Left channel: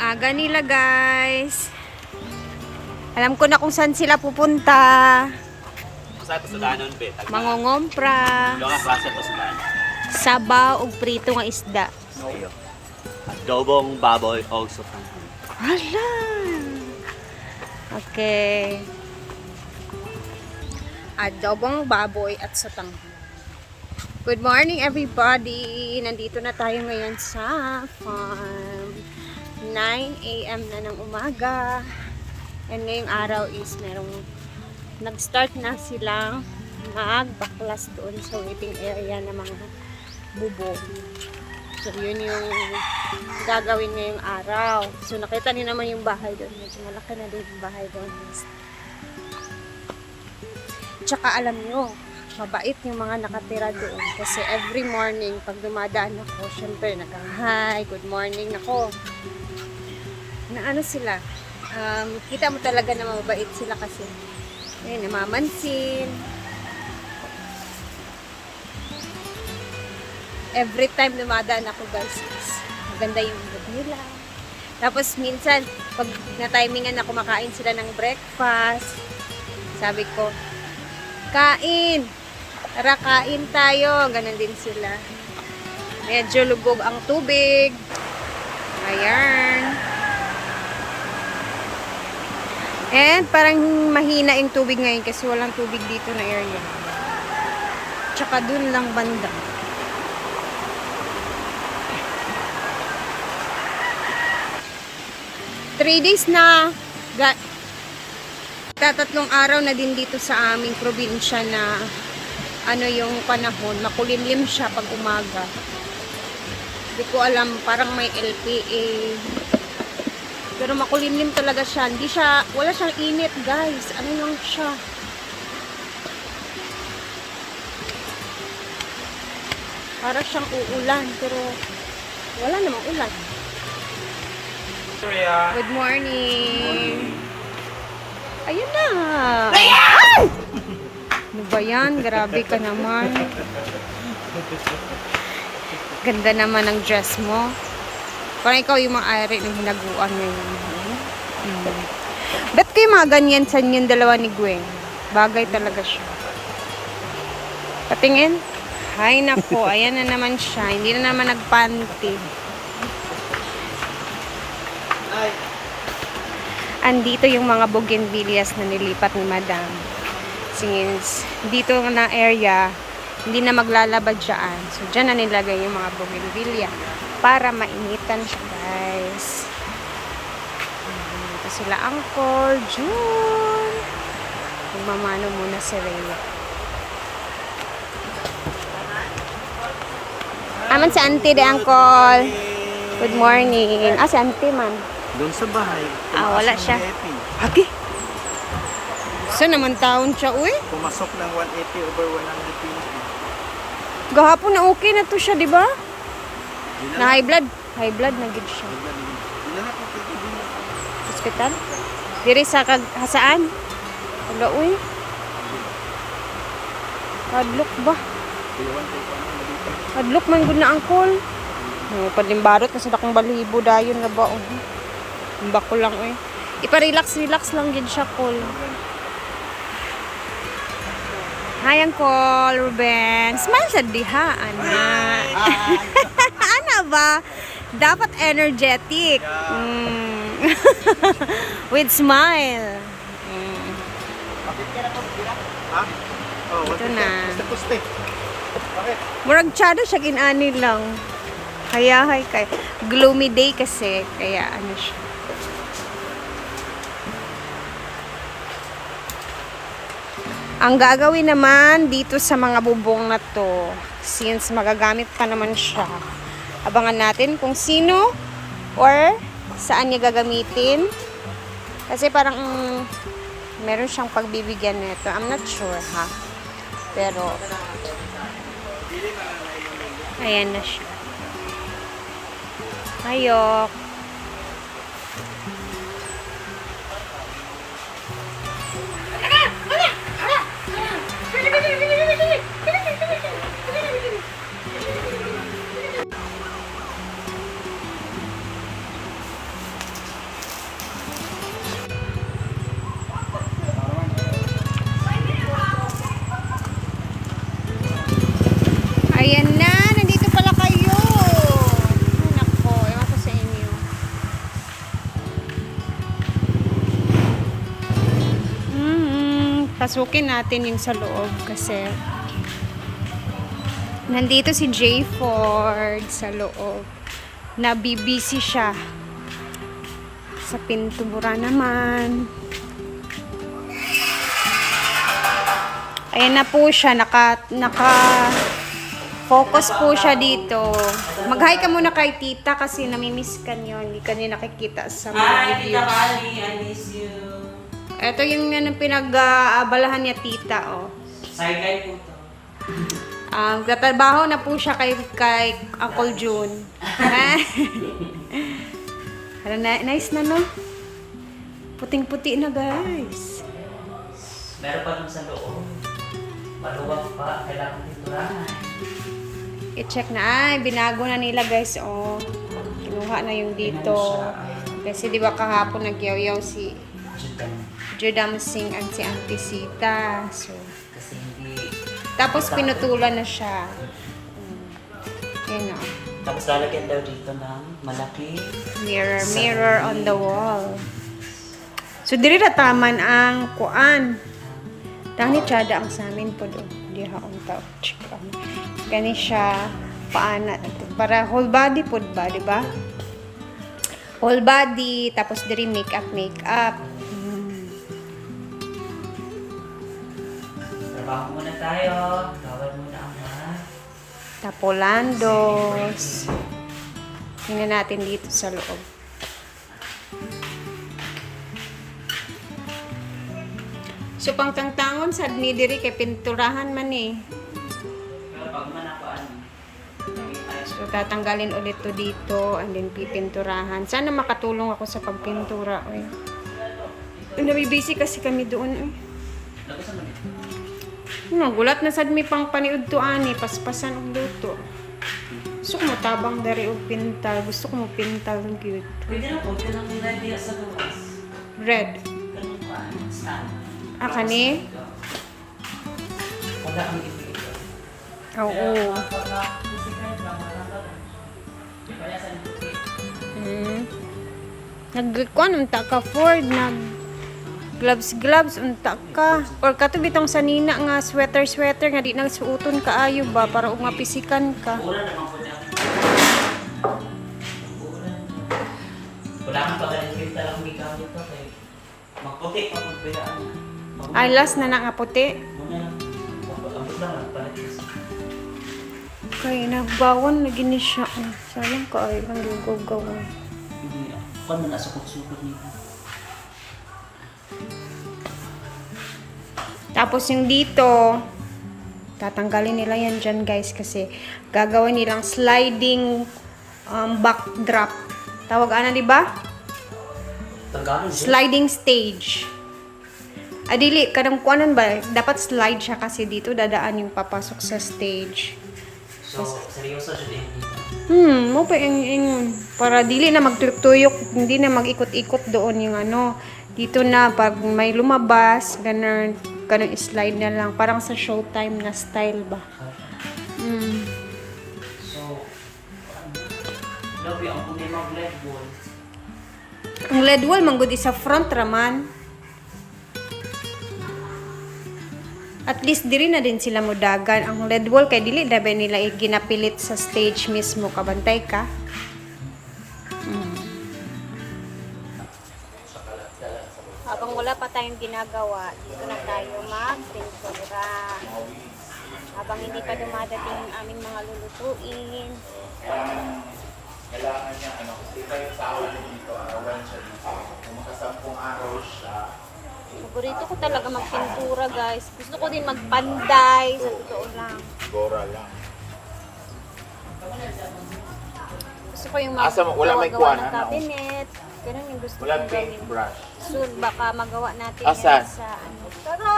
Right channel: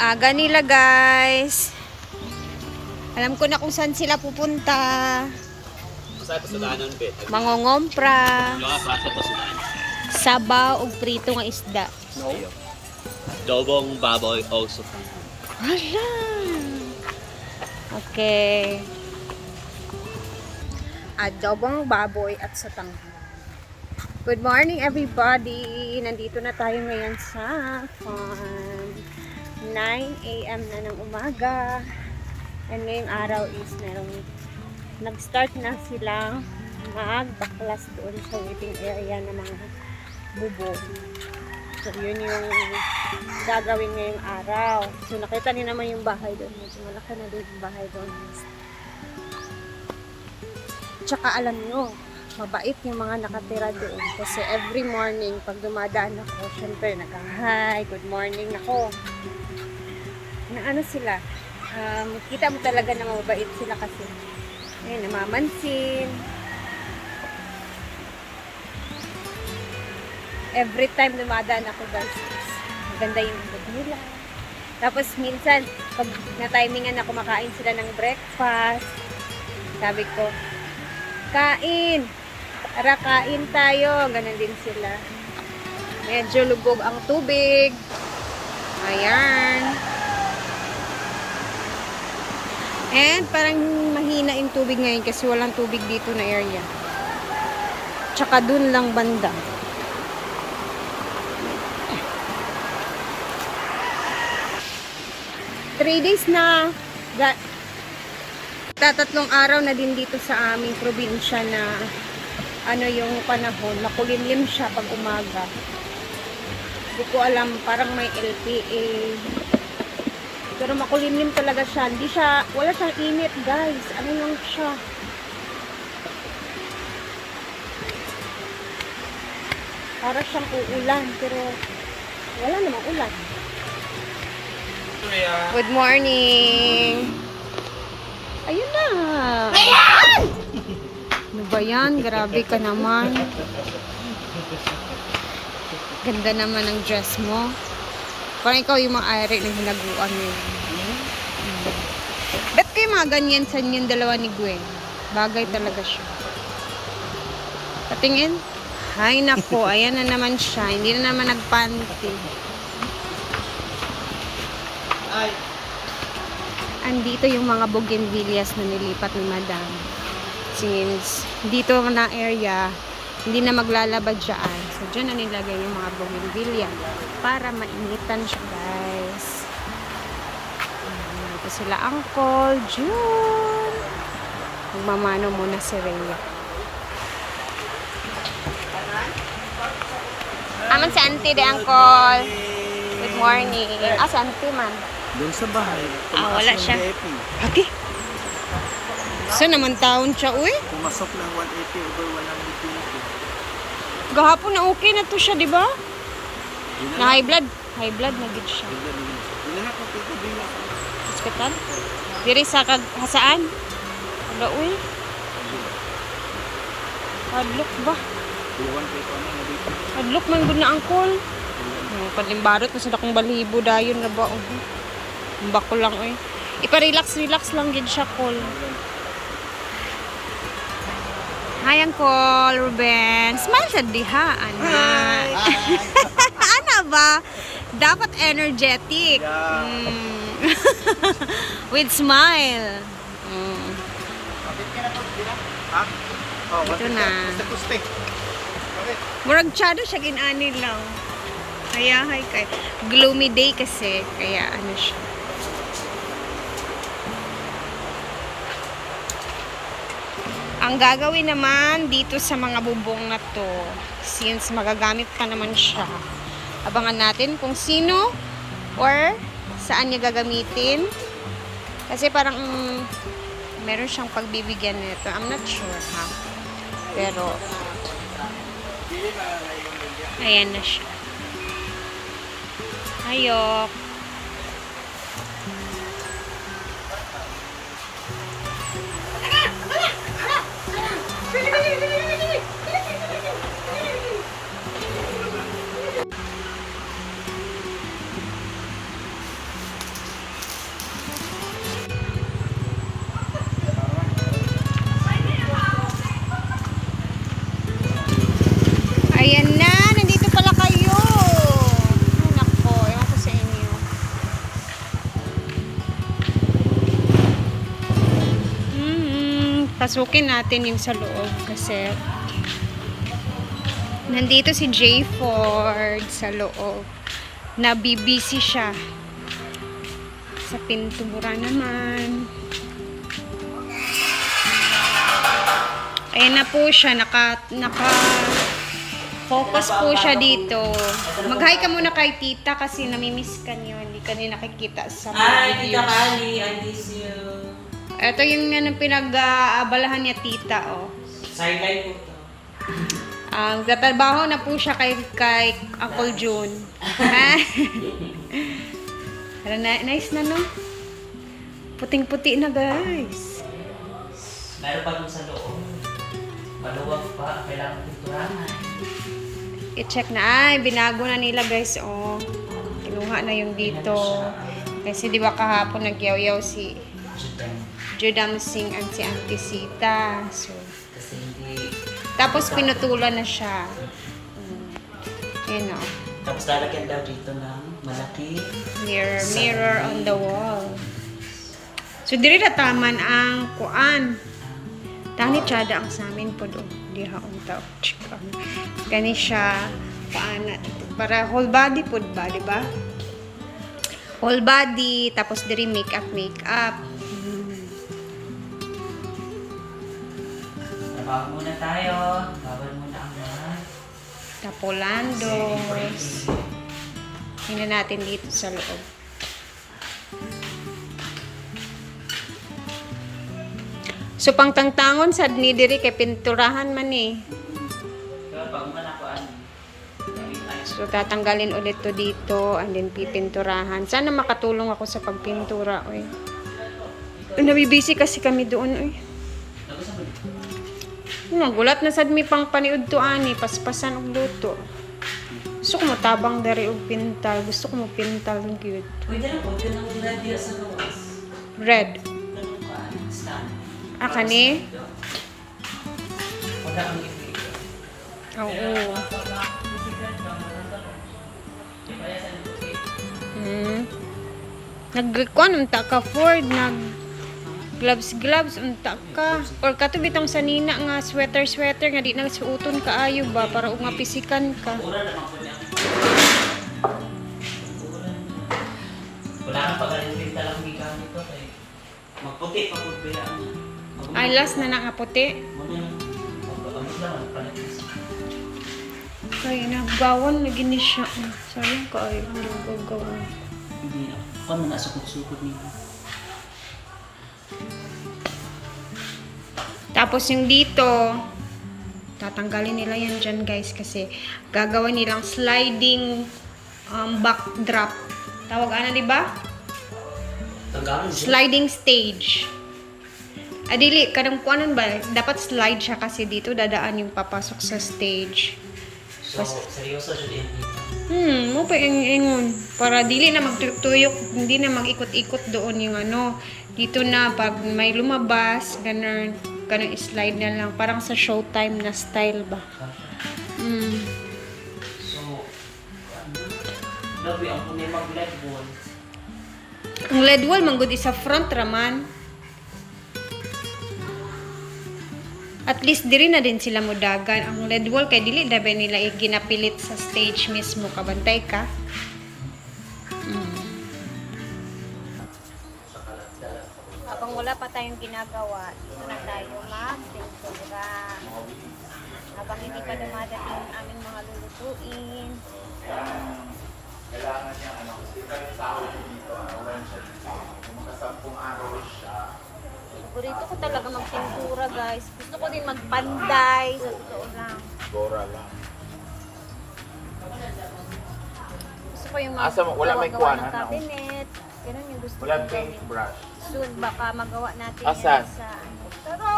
Aga nila guys. Alam ko na kung saan sila pupunta. Sabi sa danon, be. Mangongompra. Yung nga klase to sa danon. Sabaw o prito nga isda. Ayo. Adobong baboy o sotanghon. Hala. Okay. Adobong baboy at sotanghon. Good morning everybody. Nandito na tayo ngayon sa farm. 9 AM na ng umaga. And ngayong araw is merong nag-start na silang magbaklas doon sa waiting area ng mga bubong. So yun yung gagawin ngayong araw. So nakita niyo naman yung bahay doon. Medyo malaki na din yung bahay doon. Tsaka alam nyo, mabait yung mga nakatira doon. Kasi every morning, pag dumadaan ako, syempre nag-hi, good morning ako. Na ano sila, kita mo talaga na mabait sila kasi namamansin. Every time dumadaan ako guys, maganda yung mood nila. Tapos minsan, pag na-timingan na kumakain sila ng breakfast, sabi ko, kain! Tara, kain tayo. Ganon din sila. Medyo lubog ang tubig. Ayan. And parang mahina yung tubig ngayon kasi walang tubig dito na area. Tsaka dun lang banda. Three days na. Tatlong araw na din dito sa aming probinsya na ano yung panahon. Makulimlim siya pag umaga. Hindi ko alam. Parang may LPA. Pero makulimlim talaga siya. Hindi siya, wala siyang init guys. Ano yung siya? Para siyang uulan. Pero wala namang ulan. Good morning. Ayun na. Ano ba yan? Grabe ka naman. Ganda naman ang dress mo. Parang ikaw yung maaari ng hinaguan ngayon. Ba't kayo mga ganyan sa yung dalawa ni Gwen? Bagay talaga siya. Patingin. Hay nako, ayan na naman siya. Hindi na naman nagpanty. Andito yung mga bougainvilleas na nilipat ni Madam. Since dito na area, hindi na maglalaba dyan. So, dyan na nilagay yung mga bougainvillea para mainitan siya, guys. Dito sila Uncle June. Magmamano muna si Rhea. Aman si Auntie de Uncle. Good morning. Ah, si Auntie man. Doon sa bahay. Wala siya. Ate? Saan naman taon siya, uy? Pumasok ng 180 over 120. Gahapon na okay na to siya, di ba? Na high blood. High blood na gid siya. Dinahan ko kay Bina. Hospital? Diri sa hasaan? Wala, uy. Kadlok ba? Kadlok man gud na angkol. Padlimbarot na sa dakong balibo dayon na ba? Bako lang, uy. Ipa-relax lang gid siya, call. Hi, Uncle Ruben. Smile sa diha, ana. Ana ba? Dapat energetic. With smile. Ito na. Murag tsada siya, ginani lang. Hayahay tayo. Gloomy day kasi. Kaya ano siya. Ang gagawin naman dito sa mga bubong na to, since magagamit pa naman siya, abangan natin kung sino or saan niya gagamitin. Kasi parang meron siyang pagbibigyan nito. I'm not sure, ha? Pero ayan na siya. Ayok. pasukin natin yung sa loob kasi nandito si Jay Ford sa loob. Nabibisi siya. Sa pintura naman. Ayan na po siya. Focus po siya dito. Mag-hi ka muna kay tita kasi namimiss ka niyo. Hindi ka niya nakikita sa mga Hi, Tita videos. Kali. I miss you. Ito yung pinag-aabalahan niya tita, oh. Sideline po to. Katrabaho na po siya kay Uncle June. Pero nice na, no? Puting-puti na, guys. Meron pa dun sa loob. Maluwag pa. Kailangan titurahan. I-check na. Ay, binago na nila, guys, oh. Kinuha na yung dito. Kasi di ba kahapon nagyaw-yaw si Judam Singh at si Auntie Sita. So, Kasi hindi... tapos pinutulan na siya. Yun, oh. Tapos lalagyan daw dito ng malaki. Mirror on the wall. So, diri na taman ang kuan. Tani tsada ang sa amin po doon. Di haon tao. Kani siya paana. Para whole body po ba, di ba? Whole body. Tapos diri makeup. Trabaho muna tayo. Bawal muna ang mga... Tapolandos. Tingnan natin dito sa loob. So, pangtangtangon sa ni diri kay pinturahan man eh. Pero pag manakuan, So, tatanggalin ulit to dito and then pipinturahan. Sana makatulong ako sa pagpintura, oy. Nabibisi kasi kami doon, oy. tapos naman Gulat na sad mi pang paniud to ani, paspasan og luto. Gusto ko matabang dari og pintal. Gusto ko mo pintal ng cute. pwede na po. Kung ang dila sa luwas. Red. Ganun pa. Stand. Ah, kani? Wala ang ibig. Oo. Nagkuan unta ka Ford, gloves unta ka. Or kato bitong sanina nga sweater nga di na suoton kaayo ba para umapisikan ka. Ura naman po niya. Wala kang pag-alipin talang gigamit ko kay magputi pa po kaya Ay, last na nga puti. muna lang. Abot lang magpalatis. Kaya nagbawan na gini siya. Sayang ka ay, ang gawin. Hindi na. Kung muna sukot-sukot niyo. Tapos yung dito, tatanggalin nila yan dyan guys kasi gagawin nilang sliding backdrop. Tawag ana, di ba? Tanggalin siya. Sliding stage. Adili, kadang kuanan ba? Dapat slide siya kasi dito dadaan yung papasok sa stage. So, seryoso siya din dito. Mo pa ingon para dili na magtuyok, hindi na mag-ikot-ikot doon yung ano. Dito na pag may lumabas, ganun slide na lang parang sa showtime na style ba. So, labi ang puti mag-LED wall. Ang LED wall manggod isa front raman. At least diri na din sila modagan. Ang LED wall kay dili dabe nila ginapilit sa stage mismo, kabantay ka. Habang wala pa tayong ginagawa, dito na tayo mag-pintura. Habang hindi pa dumadating ang aming mga lulutuin. Paborito ko talaga magpintura, guys. Gusto ko din magpanday, sa totoo lang. Gusto ko yung wala may magawa kuha ng na? cabinet. Ganun yung gusto Walang kong paint gawin. brush. Soon, baka magawa natin Asa? yan sa tara!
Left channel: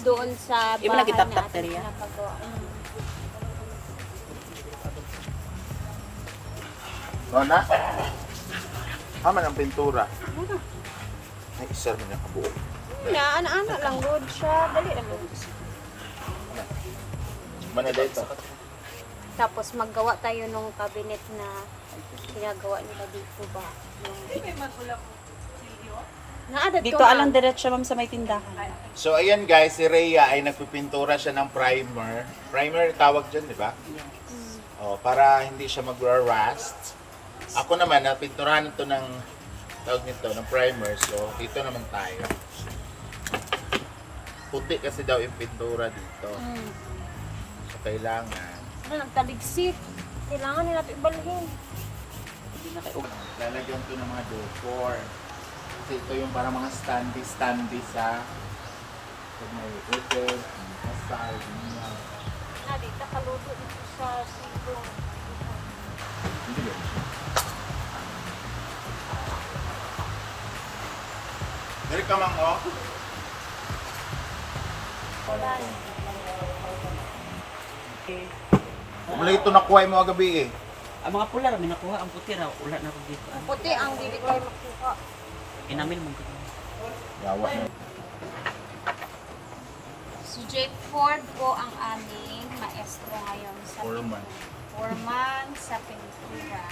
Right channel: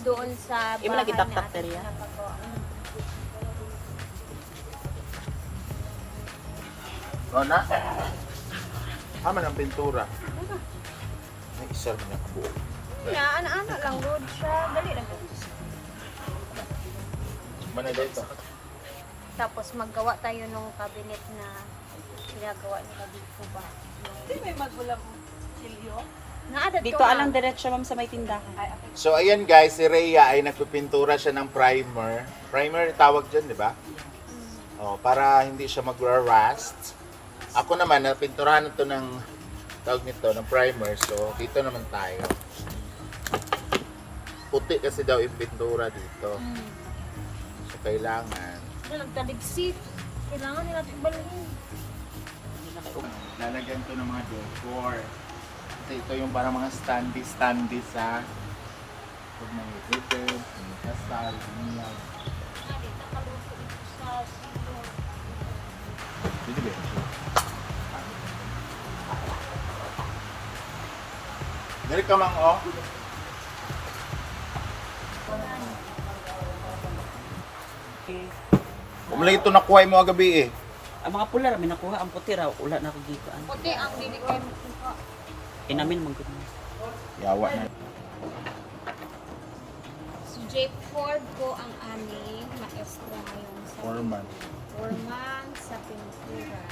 Doon sa bahay Di ba nagitap-tap na diri ating yan? pinapagawa. Nona? Aman ang pintura. Ay, sir man yung kabuo. Ana lang good siya. Dali lang good. Mana dito? Tapos maggawa tayo nung cabinet na ginagawa nila dito ba. Naadad Dito alang diretso ma'am sa may tindahan. So ayan guys, si Rhea ay nagpipintura siya ng primer. Primer tawag dyan, di ba? Oh, para hindi siya mag-rust. Ako naman, napinturahan ito ng tawag nito, ng primer. So dito naman tayo. Puti kasi daw yung pintura dito. So kailangan. Ano, taligsik. Kailangan nila natin ibalhin. Lalagyan to ng mga decor. Kasi ito yung para mga standee sa pag may event, may kasal, ganyan. Dito kaluto dito sa sito. Hindi ba? Dari ka mang oh. Wala ito nakuha mo agabi eh. Ang mga pula ra may nakuha, ang puti ra ula na dito. Ang Puti ang hindi kayo makuha. inamin mo gid. Yawa na. Si Jake Ford po ang aming maestro ngayon sa Foreman. foreman sa pintura.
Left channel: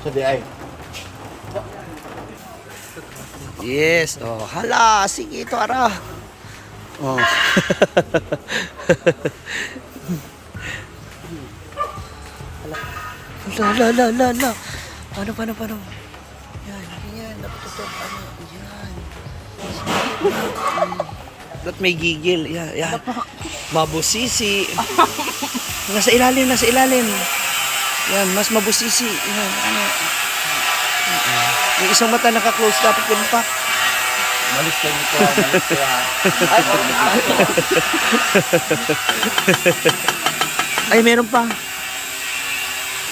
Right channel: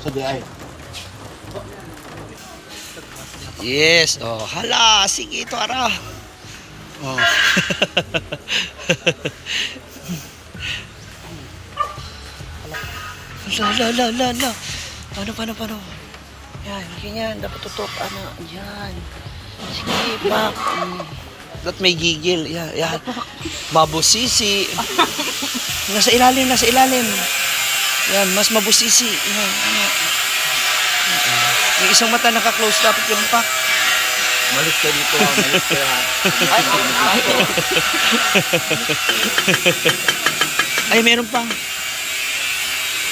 So di ay. Yes, oh, hala, sige ito ara. Oh. La. Paano? Yan, ganyan, dapat tutok, ano, yan. Sige, Mac. Dapat may gigil, yan. Mabusisi. Nasa ilalim. Yan, mas mabusisi. Yan, ano. Yung isang mata naka-close, dapat yun pa. Malis ka dito, malis ka. Ay, meron pa.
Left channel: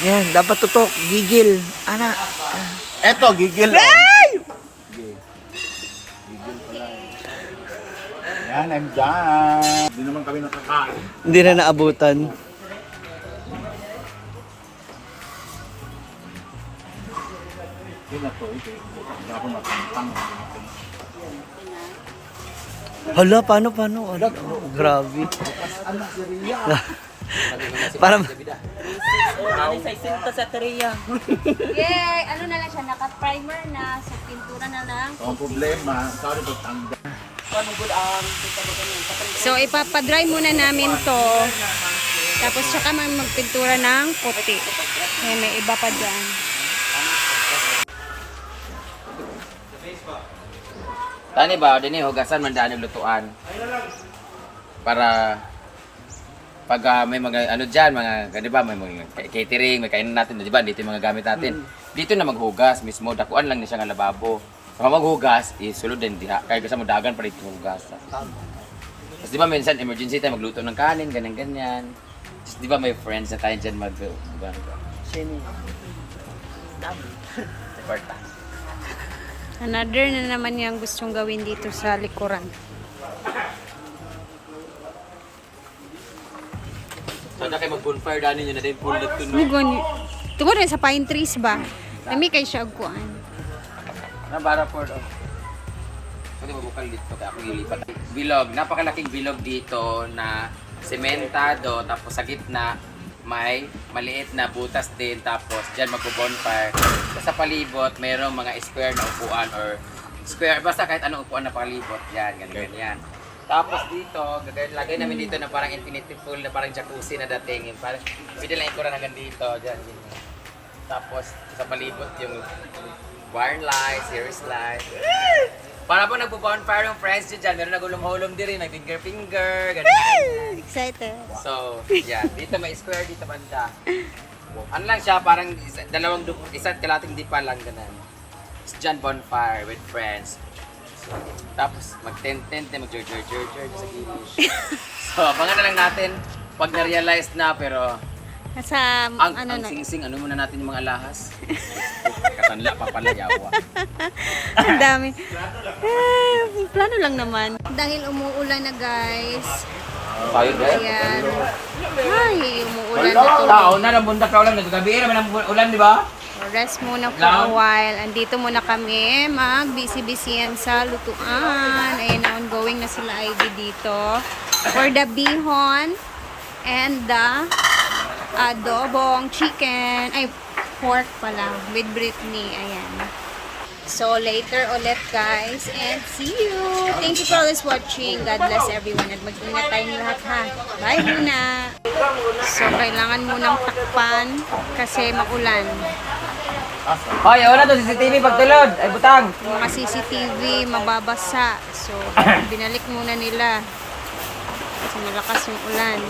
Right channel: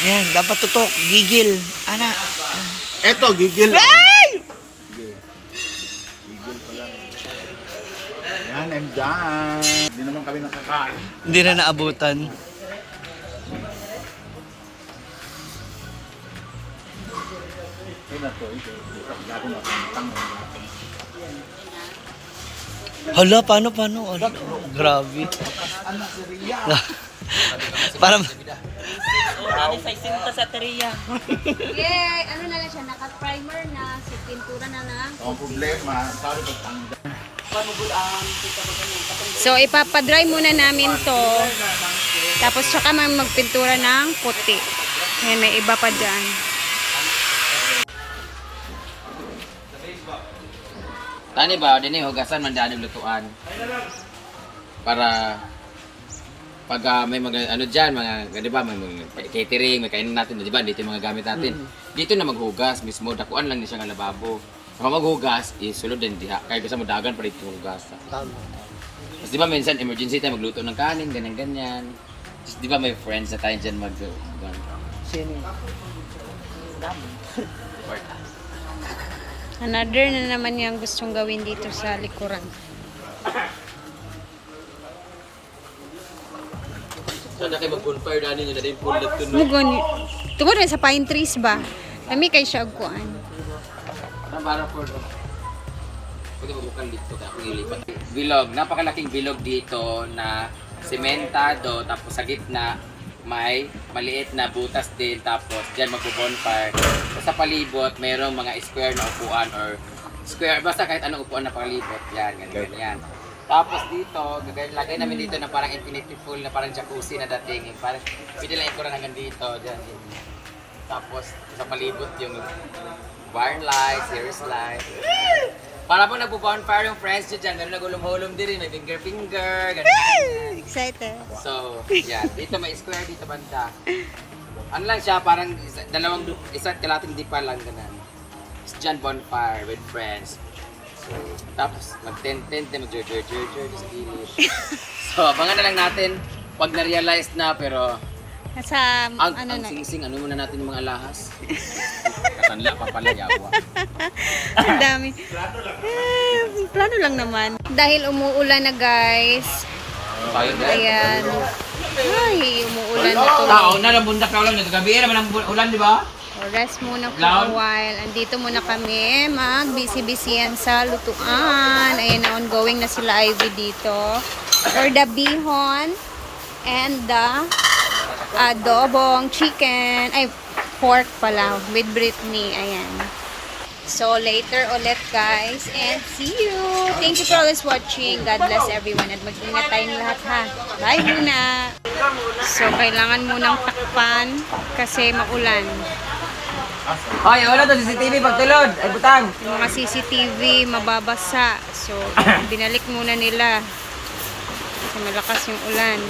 Yan, dapat tutok, gigil. Ana. Eto, gigil. Ay! Yan, I'm done. Hindi naman kami nakakain. Hindi na naabutan. Yun na to, ito. Hindi ako makintang. Hala, paano? Ano, grabe. Parang... Nanay sa isinta sa teriya. Yay! Ano na lang siya, naka-primer na, so pintura na lang. Ang problema, sorry ko tanggal. So, ipapadry muna namin to. Tapos, tsaka magpintura ng puti. Ayan, may iba pa dyan. Tani ba, din hugasan man daan lutuan. Para pag may mga ano diyan, mga 'di ba, may mga catering, may kainan natin, 'di ba? Dito yung mga gamit natin. Dito na maghugas mismo, dakuan lang ni siya nga lababo. Sa maghugas, isulod din diha. Kaya gusto mo dagan pa dito hugas. Tapos 'di ba minsan emergency tayo magluto ng kanin, ganyan. Tapos 'di ba may friends na tayo diyan mag-hugas. Another na naman yung gustong gawin dito sa likuran. Sana kayo mag-bonfire dani niya na din full dito no. Mugon, tungkol na sa pine trees ba? Kami kay siya agkuan. Na para for pwede mabukal dito kaya ako lilipat. Bilog, napakalaking bilog dito na sementado tapos sa gitna may maliit na butas din tapos diyan magbo-bonfire. Sa palibot mayroong mga square na upuan or square basta kahit anong upuan na palibot. Yan, ganyan. Tapos dito, lagay namin dito na parang infinity pool na parang jacuzzi na dating. Yung parang pwede lang ikuran hanggang dito. Diyan. Tapos sa palibot yung barn lights, series lights. Para pag nagpo-bonfire yung friends nyo dyan, meron nagulong-hulong din rin, may finger, ganun. Excited. So, yan. Dito may square, dito banda. Ano lang siya, parang isa't kalating dipa lang, ganun. Dyan bonfire with friends. So, tapos mag-tent-tent, mag-jer-jer sa gilid. So, abangan na lang natin pag na-realize na, pero Sa ang ano na. sing-sing, ano muna natin yung mga alahas? Katanla pa pala, yawa. Ang dami. Plano lang naman. Dahil umuulan na guys. Ayan. Ay, umuulan na tuloy. Na lang bundak na ulan, nagagabi naman ang ulan, di ba? So, rest muna for a while. Andito muna kami. Mag-busy-busyan sa lutuan. Ayan na, ongoing na sila Ivy dito. For the bihon and the adobong chicken. Ay, pork pala. With Brittany. Ayan. So, later ulit guys. And see you! Thank you for always watching. God bless everyone. At mag-ingat tayong lahat ha. Bye muna! So, kailangan munang takpan kasi maulan. Hoy, wala to CCTV pagtulod. Ay, butang. Yung mga CCTV mababasa. So, binalik muna nila. Kasi malakas yung ulan.